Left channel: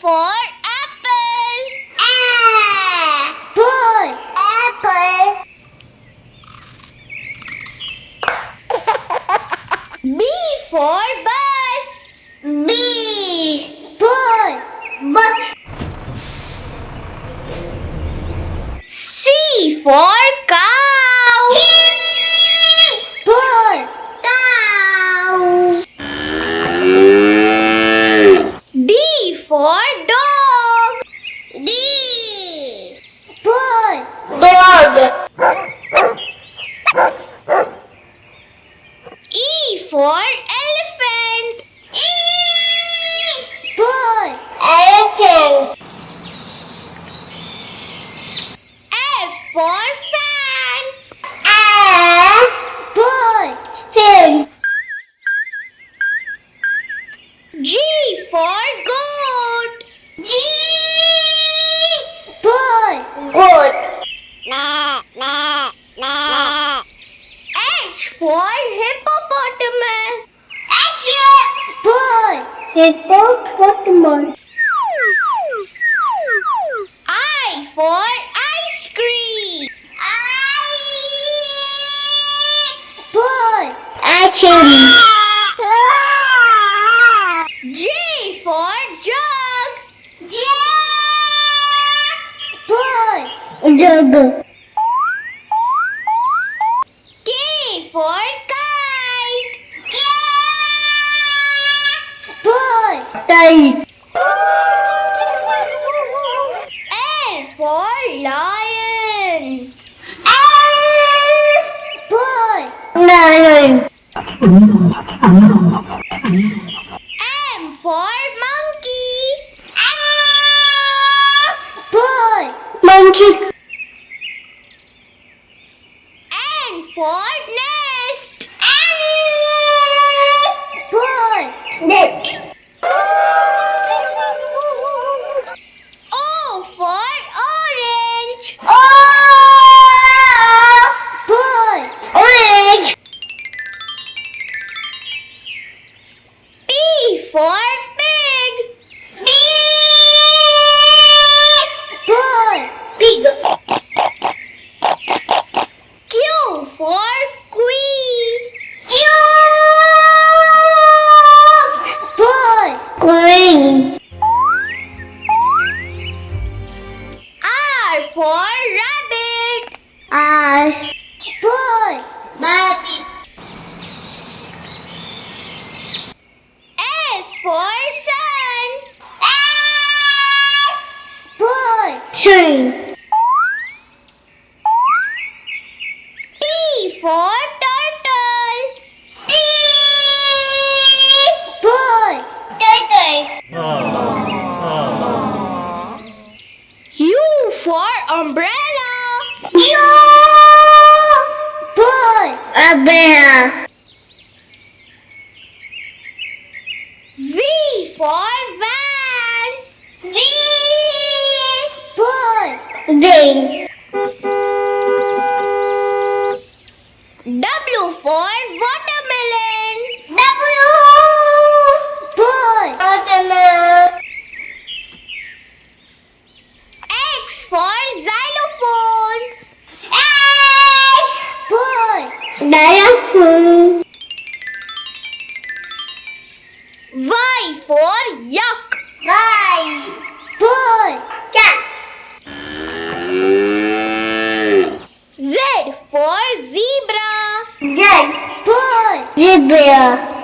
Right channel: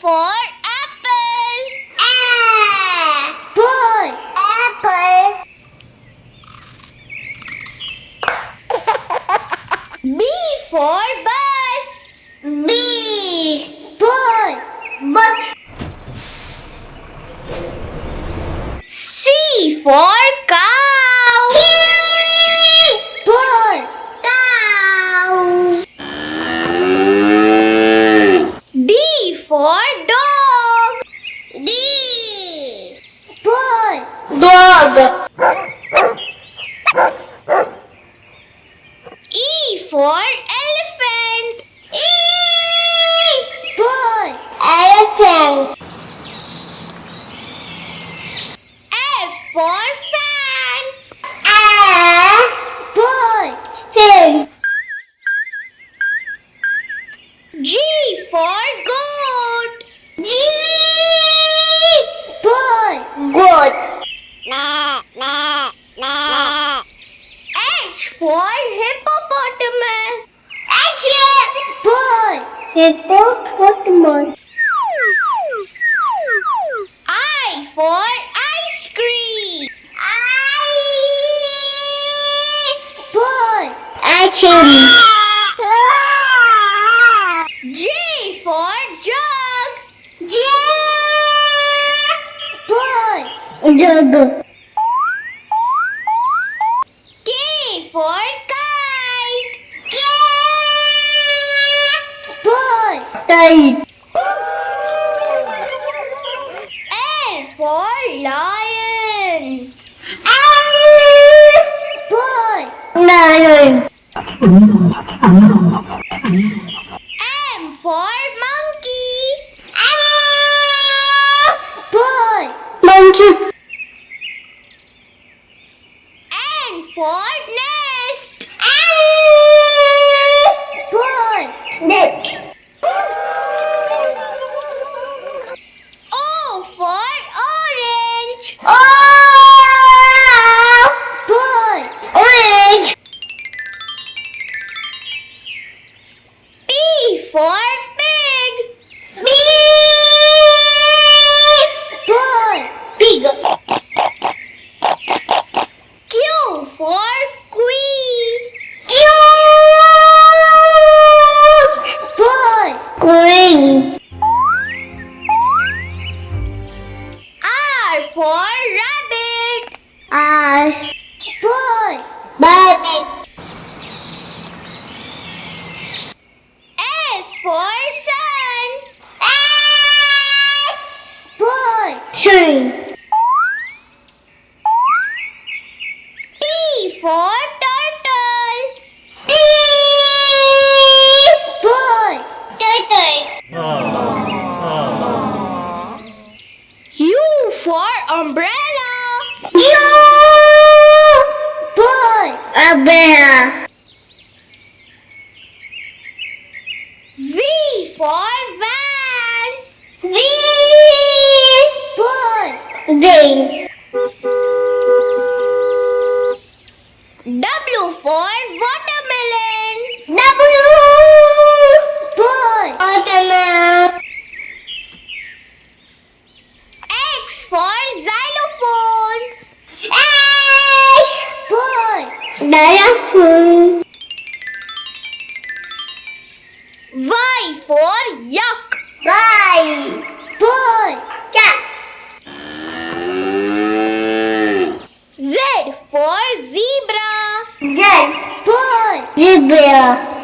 for apple. Apple. Apple. B for bus. B. Ball. Bus. C for cow. Ball. Cow. D for dog. D. Ball. Dog. E for elephant. Ball. Elephant. F for fan. Ball. Fan. G for goat. G. Ball. Goat. H for hippopotamus. Ball. Hippopotamus. I for ice cream. Ball. Action. J for jug. Ball. Jug. K for kite. Ball. Kite. L for lion. Ball. Lion. M for monkey. Ball. Monkey. N for nest. Ball. Net. O for orange. Ball. Orange. P for pig. Ball. Pig. Q for queen. Ball. Queen. R for rabbit. Ball. Baby. S for sun. Ball. Sun. T for turtle. Ball. Turtle. U for umbrella. Ball. Umbrella. V for van. Ball. Van. W for watermelon. Ball. Watermelon. X for xylophone. Ball. Xylophone. Y for yak. Ball. Cat. Z for zebra. Ball. Zebra.